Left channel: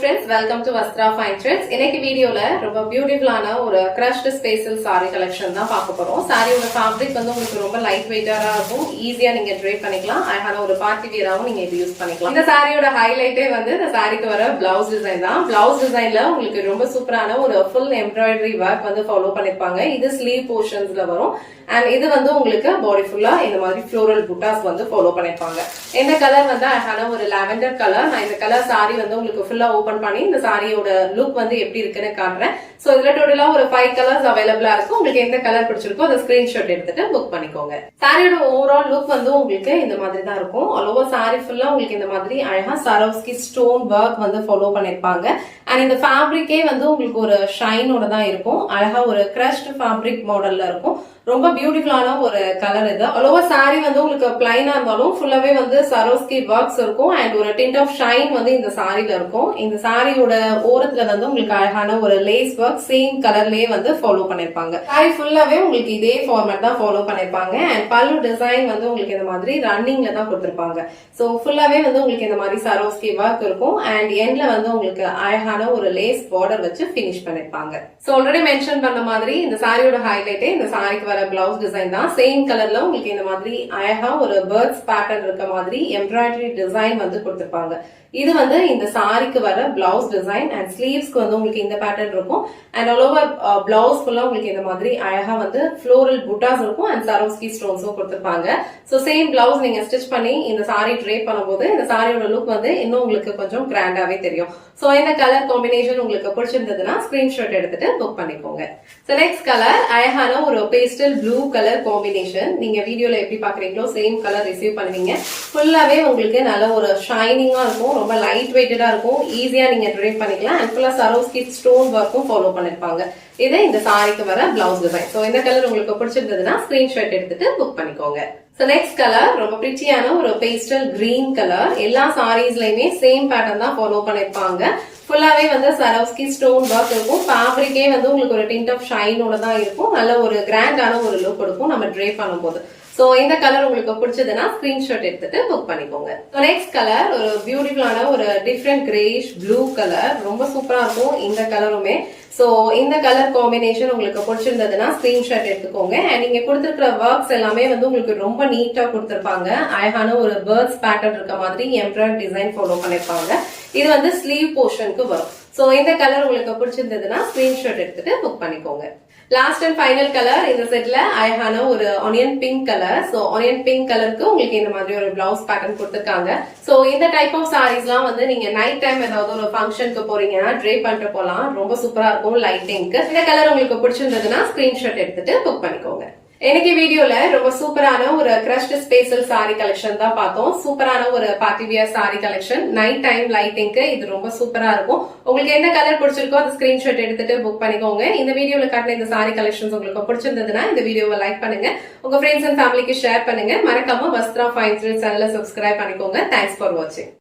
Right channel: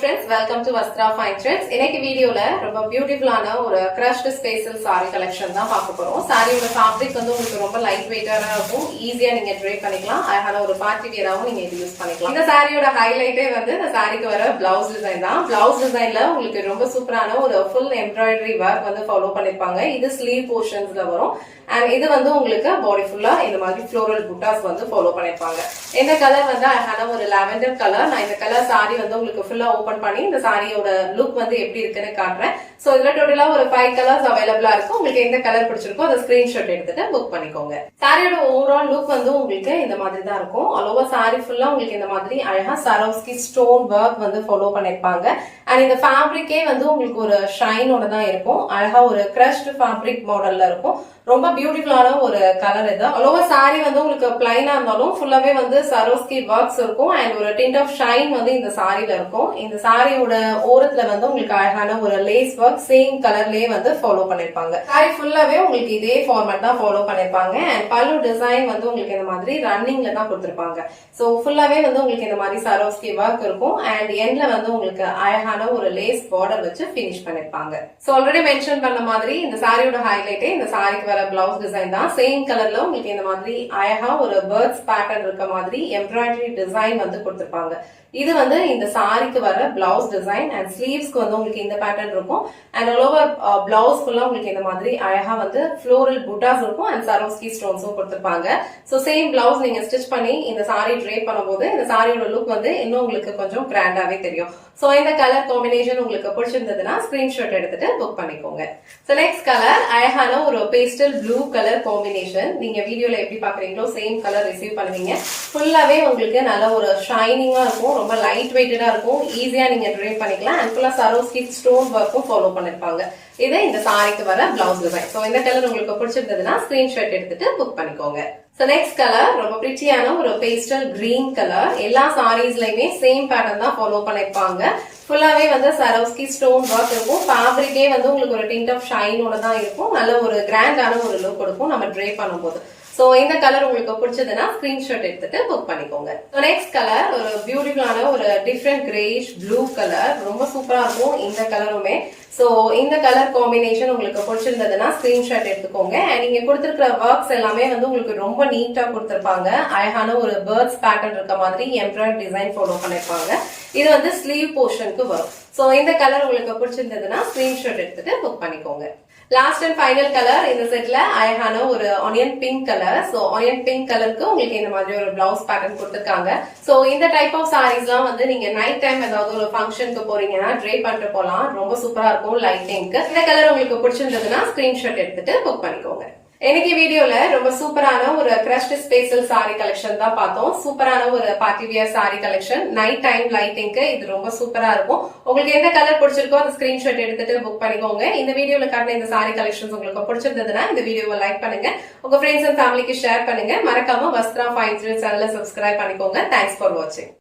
friends, welcome to Vastra Fine Threads. இன்னைக்கு வீடியோல ரொம்ப பியூட்டிஃபுல்லான ஒரு crushed spatial saree collection தான் பார்க்க போறோம். சாரியோட ஃபேப்ரிக் வந்து உங்களுக்கு ரொம்ப லைட் வெயிட்டாரா இருக்கும். ஈஸியா நீங்க ட்ரேப் பண்ணிக்கலாம். அழகான ஒரு பார்ட்டி வியராவும் நீங்க இது யூஸ் பண்ணிக்கலாம். இந்த சாரியோட ஹைலைட்டே வந்து இந்த சாரிக்கு வர பிளவுஸ் டிசைன் தான். பிளவுஸ் டிசைன்ல உங்களுக்கு ரொம்ப சூப்பரான ஒரு ஃபுல் எம்ப்ராய்டரி ஒர்க் வந்து ஃபாலோ பண்ணிருப்பாங்க. இது ஸ்லீவ் போர்ஷன்ஸ்ல வரும். அண்ட் இது வந்து உங்களுக்கு பாடி ஃபுல்லா இந்த மாதிரி ஃப்ளோரல் புட்டாஸ் வந்து ஃபாலோ பண்ணிருப்பாங்க. இந்த கலர் வந்து அழகான ஒரு லாவெண்டர் கலர். நான் இந்த கலர் சாரி வந்து உங்களுக்கு ஃபுல்லா ஓபன் பண்ணி இந்த சாரியோட லுக் வந்து எப்படி இருக்குன்னு காட்டுறேன். சோ இதுல டோட்டலா ஒரு 5 கலர்ஸ் அவைலபிளா இருக்கும். உங்களுக்கு எந்த கலர் பிடிச்சிருக்கோ அதை ஸ்கிரீன்ஷாட் எடுத்துட்டு புக் பண்ணிக்கோங்க. சாரியோட ஓவரால் லுக் வந்து உங்களுக்கு இந்த மாதிரி தான் இருக்கும். ஆல் ஓவர் சாரி ஃபுல்லா உங்களுக்கு இந்த மாதிரி அழகா சரோஸ்கி ஸ்டோன் ஒர்க் வந்து ஃபாலோ பண்ணிருப்பாங்க. அண்ட் இந்த ஃபேப்ரிக்கே வந்து உங்களுக்கு ஒரு ஷைனோட தான் இருக்கும். அழகா ஒரு கிரஷ்ட் ஃபேப்ரிக் மாடல்ல இருக்கும். ரொம்ப பியூட்டிஃபுல்லான ஒரு கலர் இது. ஆல் ஓவர் சாரி வந்து உங்களுக்கு பிளைனா இருந்தாலும் ஃபுல்லாவே வந்து சரோஸ்கி ஒர்க்ஸ் இருக்கும். அண்ட் ஒரு டிண்ட் ஆஃப் ஷைன் வந்து இந்த சாரில இருக்கும். இந்த சாரியோட ஓரத்துல வந்து உங்களுக்கு அழகான ஒரு லேஸ் ஒர்க் சேம் கலர்லயே வந்து ஃபாலோ பண்ணிருப்பாங்க. சாரி ஃபுல்லாவே உங்களுக்கு இதே ஃபார்மேட் தான் ஃபாலோ பண்ணிருப்பாங்க. அண்ட் பல்லு டிசைன் வந்து உங்களுக்கு இந்த மாதிரி ரன்னிங்ல தான் கொடுத்திருப்பாங்க. சோ ஃபுல்லாவே வந்து உங்களுக்கு இந்த மாதிரி சரோஸ்கி ஒர்க் இருக்கும். அண்ட் எண்ட்ல வந்து உங்களுக்கு அழகான ஒரு லேஸ் பார்டர் வச்சு பினிஷ் பண்ணிருப்பாங்க. சோ ஆல்ரெடி மென்ஷன் பண்ண மாதிரி இந்த சாரியோட ஹைலைட்டே இந்த சாரிக்கு பிளவுஸ் டிசைன் தான். சேம் கலர்ல உங்களுக்கு இந்த மாதிரி அழகா ஒரு பேர்ட்ஸ் பேட்டர்ன் இருக்க மாதிரி எம்ப்ராய்டரி டிசைன் வந்து கொடுத்திருப்பாங்க. இது வந்து இந்த சாரிக்கு வர பிளவுஸ் டிசைன். அண்ட் ஸ்லீவ்ஸ்க்கு வந்து உங்களுக்கு இந்த பேட்டர்ன் இருக்கும். அண்ட் ஆல் ஓவர் பிளவுஸ் ஃபுல்லா உங்களுக்கு இந்த மாதிரி அழகா வந்து ஃப்ளோரல் புட்டாஸ் இருக்கும். அண்ட் சரோஸ்கி ஸ்டோன்ஸும் கொடுத்திருப்பாங்க. சோ சேம் பிளவுஸ் நீங்க ஸ்டிச் பண்ணி இந்த சாரி ட்ரேப் பண்ணும்போது இந்த சாரியோட லுக் வந்து இன்னும் உங்களுக்கு கொஞ்சம் கிராண்டாவே தெரியும். சோ இந்த கலர் காம்பினேஷன் உங்களுக்கு பிடிச்சிருந்ததுன்னா ஸ்கிரீன்ஷாட் எடுத்துட்டு புக் பண்ணிக்கோங்க. சோ நெக்ஸ்ட் கலர் அழகான ஒரு பேஸ்டல் ப்ளூ கலர் காம்பினேஷன். நீங்க வீடியோல எப்படி பாக்குறீங்களோ சேம் கலர் ரிசீவ் பண்ணுவீங்க. ஃபுல்லாவே உங்களுக்கு நல்ல ஒரு ஷைனிங்கா இருக்கும். ரொம்ப லைட் வெயிட்டடா இருக்கும். ஈஸியா நீங்க ட்ரேப் பண்ணிக்கலாம். அண்ட் ஃபுல்லா சரோஸ்கி ஸ்டோன் ஒர்க்கும் ஃபாலோ பண்ணிருப்பாங்க. இது இந்த சாரிக்கு வர பிளவுஸ் டிசைன். சோ இந்த கலர் உங்களுக்கு பிடிச்சிருந்ததுன்னா ஸ்கிரீன்ஷாட் எடுத்துட்டு புக் பண்ணிக்கோங்க. சோ நெக்ஸ்ட் கலர் ரொம்ப பிரிட்டியான ஒரு பேஸ்டல் கிரீன் கலர். எல்லா சாரீஸ்லயுமே சேம் பேட்டர்ன் தான் ஃபாலோ பண்ணிருப்பாங்க. ஃபுல்லாவே வந்து சரோஸ்கி ஸ்டோன் ஒர்க் இருக்கும். ஃபேப்ரிக்கே வந்து உங்களுக்கு ஒரு டிண்ட் ஆஃப் ஷைனோட தான் இருக்கும். நல்ல ஒரு கிராண்டான ஒரு லுக் கொடுக்கும் நம்ம ட்ரேப் பண்ணும்போது. சோ இந்த கலர் உங்களுக்கு பிடிச்சதுன்னா ஸ்கிரீன்ஷாட் எடுத்துட்டு புக் பண்ணிக்கோங்க. நெக்ஸ்ட் கலர் ஒரு பியூட்டிஃபுல்லான ஒரு டிஃப்ரெண்ட் கிரேஷ் ப்ளூ கலர். ரொம்ப சூப்பரா இருக்கும் இந்த கலருமே. சோ இந்த கலர் காம்பினேஷன் உங்களுக்கு பிடிச்சிருந்ததுன்னா ஸ்கிரீன்ஷாட் எடுத்துக்கோங்க. அண்ட் நீங்க கொடுத்திருக்கிற ஒர்க்ஸ் எல்லாமே வந்து உங்களுக்கு ரொம்ப நீட்டா கொடுத்திருப்பாங்க. அழகான ஒரு பேர்ட்ஸ் பேட்டர்ன் இருக்க மாதிரி எம்ப்ராய்டரி டிசைன் ஃபாலோ பண்ணிருப்பாங்க. இது வந்து ஸ்லீவ் போர்ஷனுக்கு வரும். சோ இந்த கலர் உங்களுக்கு பிடிச்சிருந்ததுன்னா ஸ்கிரீன்ஷாட் எடுத்துட்டு புக் பண்ணிக்கோங்க. லாஸ்ட் அண்ட் ஃபைனல் கலர் இந்த செட்ல அழகான ஒரு onion pink colour. So onion pink கலருக்கு உங்களுக்கு இந்த மாதிரி ஒரு பிளவுஸ் பேட்டர்ன் கொடுத்திருக்காங்க. சோ இந்த டைப் ஆஃப் சாரீஸ் எல்லாம் வந்து நீங்க நைட் டைம் ஏதாவது ஒரு ஃபங்க்ஷனுக்கு போறீங்கன்னா ட்ரேப் பண்ணிட்டு போலாம். ரொம்ப சூப்பரா இருக்கும் லைட்டிங்க்கு. இந்த கலர் உங்களுக்கு பிடிச்சிருந்ததுன்னா ஸ்கிரீன்ஷாட் எடுத்துட்டு புக் பண்ணிக்கோங்க. இன்னைக்கு வீடியோல ரொம்ப சூப்பரான ஒரு கிரஷ்ட் ஸ்பேஷல் சாரி கலெக்ஷன் தான் பார்த்தோம். சூப்பரான ஒரு party wear sari collection. Night time லைட்டிங்க்கு இது ரொம்ப சூப்பரா இருக்கும். உங்களுக்கு எந்த கலர் பிடிச்சிருக்கோ அந்த ஸ்கிரீன்ஷாட் எடுத்துட்டு புக் பண்ணிக்கோங்க. இந்த வீடியோல காட்டின இந்த சாரி கலெக்ஷன்ஸ் உங்களுக்கு பிடிச்சிருந்ததுன்னா இந்த வீடியோவை லைக் பண்ணுங்க. உங்க ஃப்ரெண்ட்ஸ் அண்ட் ஃபேமிலிக்கு ஷேர் பண்ணுங்க. மறக்காம வஸ்த்ரா ஃபைன் த்ரெட்ஸ் சேனலை சப்ஸ்கிரைப் பண்ணிக்கோங்க. தேங்க்ஸ் ஃபார் வாட்சிங்.